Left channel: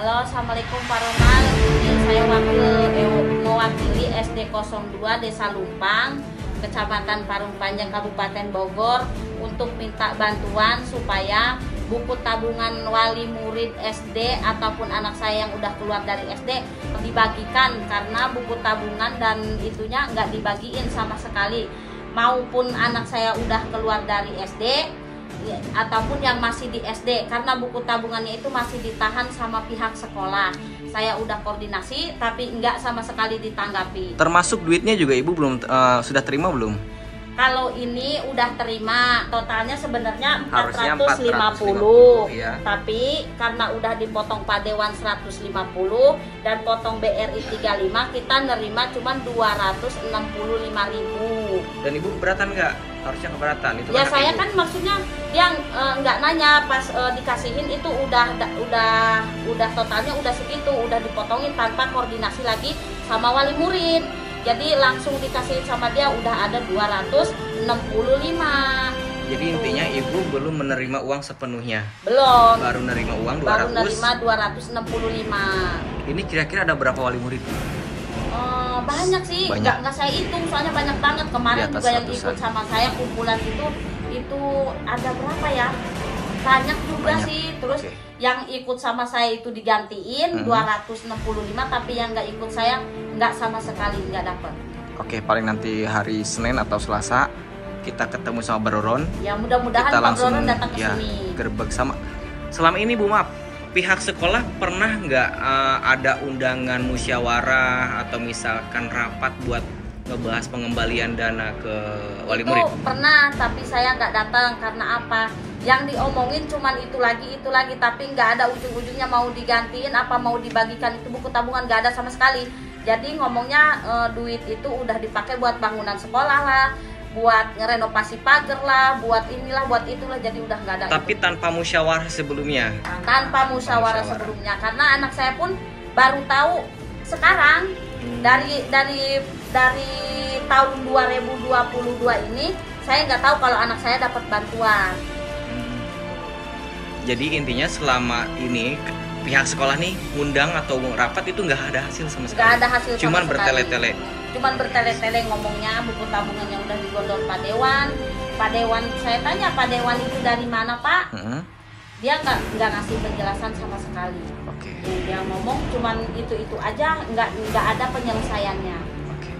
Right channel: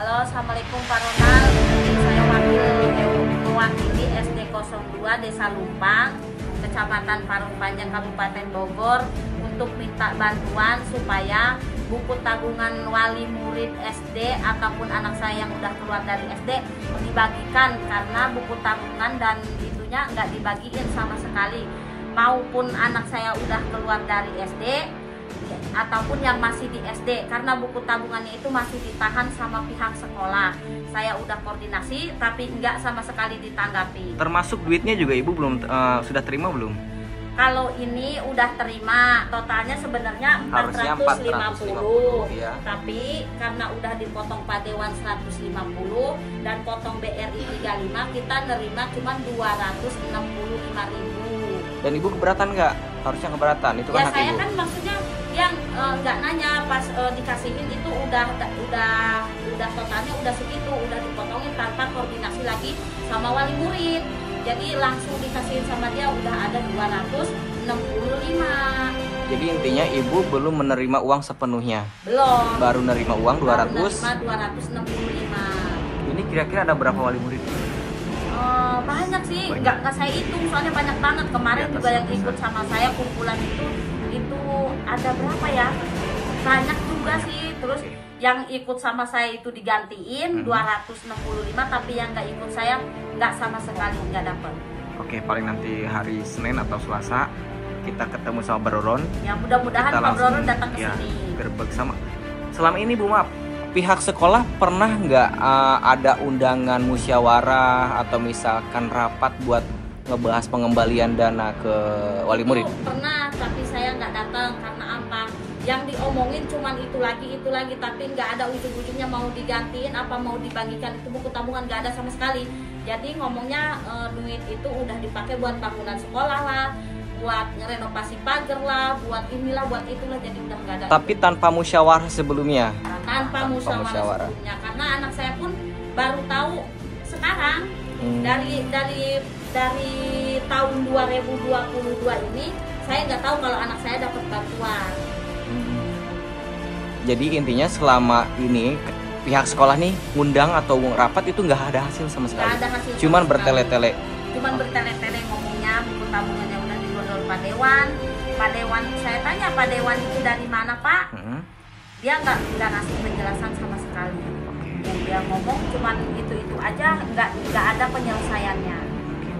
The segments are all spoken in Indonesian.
Halo, Assalamualaikum Pak Ronald. Saya mewakili SD 02 Desa Lumpang, Kecamatan Parung Panjang, Kabupaten Bogor, untuk minta bantuan supaya buku tabungan wali murid SD ataupun anak saya yang udah keluar dari SD dibagikan, karena buku tabungan dan itunya nggak dibagiin sama sekali. Maupun anak saya udah keluar dari SD ataupun yang masih di SD, karena buku tabungannya itu masih ditahan sama pihak sekolah. Saya udah koordinasi tapi nggak sama sekali ditanggapi. Termasuk duitnya juga ibu belum sudah terima belum? Kalau ini udah terima, totalnya sebenarnya Harusnya 450, ya. tapi karena udah dipotong Padewan 150 dan potong BRI 35, kita nerima cuma 265.000. Dan ibu keberatan nggak? Harusnya keberatan itu. Ya kan saya ibu. kan maksudnya yang nggak nanya pas dikasihin itu udah totalnya udah segitu, udah dipotongin tanpa koordinasi lagi sama wali murid. Jadi langsung dikasihin sama dia udah ada 265. Jadi intinya ibu belum menerima uang sepenuhnya. Belum. Baru menerima uang 200. Baru menerima 265. Ini kira-kira ada berapa wali murid? Banyak sih, Banyak. nggak saya hitung soalnya banyak banget. Kemarin Di atas juga yang ikut ratusan. sama saya kumpulan itu ada berapa ya? Banyak juga Banyak. sih. Terus Oke. yang ikut sama saya itu digantiin 265, tapi yang nggak ikut saya nggak sama sekali, nggak dapat. Oke, paling nanti hari Senin atau Selasa kita ketemu sama Baroron. Ya mudah-mudahan Kita Pak langsung Broron datang ke ya sini. gerbek sama. Selama ini Bu, maaf, pihak sekolah pernah nggak ada undangan musyawarah atau misalkan rapat buat ngebahas pengembalian dana ke wali murid? Itu pernah, tapi saya nggak datang karena apa? Yang diomongin cuman itu lagi, tapi nggak ada ujung-ujungnya mau digantiin apa mau dibagikan itu buku tabungan, nggak ada sama sekali. Jadi ngomongnya duit itu udah dipakai buat bangunan sekolah lah, buat ngerenovasi pagar lah, buat inilah, buat itulah, jadi udah nggak ada. Tapi tanpa musyawarah sebelumnya. Tanpa musyawarah sebelumnya, karena anak saya pun baru tahu sekarang. Dari tahun 2022 ini saya nggak tahu kalau anak saya dapat bantuan. Jadi intinya selama ini pihak sekolah nih ngundang atau rapat itu nggak ada hasil sama sekali. Nggak ada hasil sama Cuman sekali. bertele-tele. Cuman bertele-tele ngomongnya buku tabungannya udah digondol Pak Dewan. Pak Dewan, saya tanya Pak Dewan itu dari mana Pak? Dia nggak ngasih penjelasan sama sekali. Oke. Dia ngomong cuman itu aja, nggak ada penyelesaiannya. Oke.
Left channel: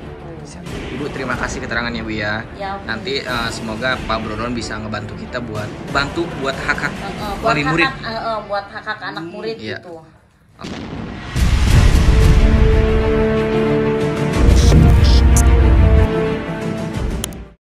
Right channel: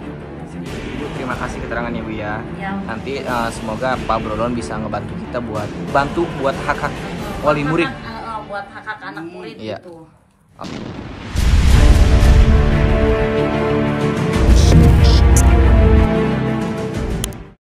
Siap. Ibu terima kasih keterangannya Bu ya. Ya. Nanti semoga Pak Broron bisa ngebantu kita buat hak-hak Buat wali murid. buat hak-hak anak murid Iya. gitu. Oke.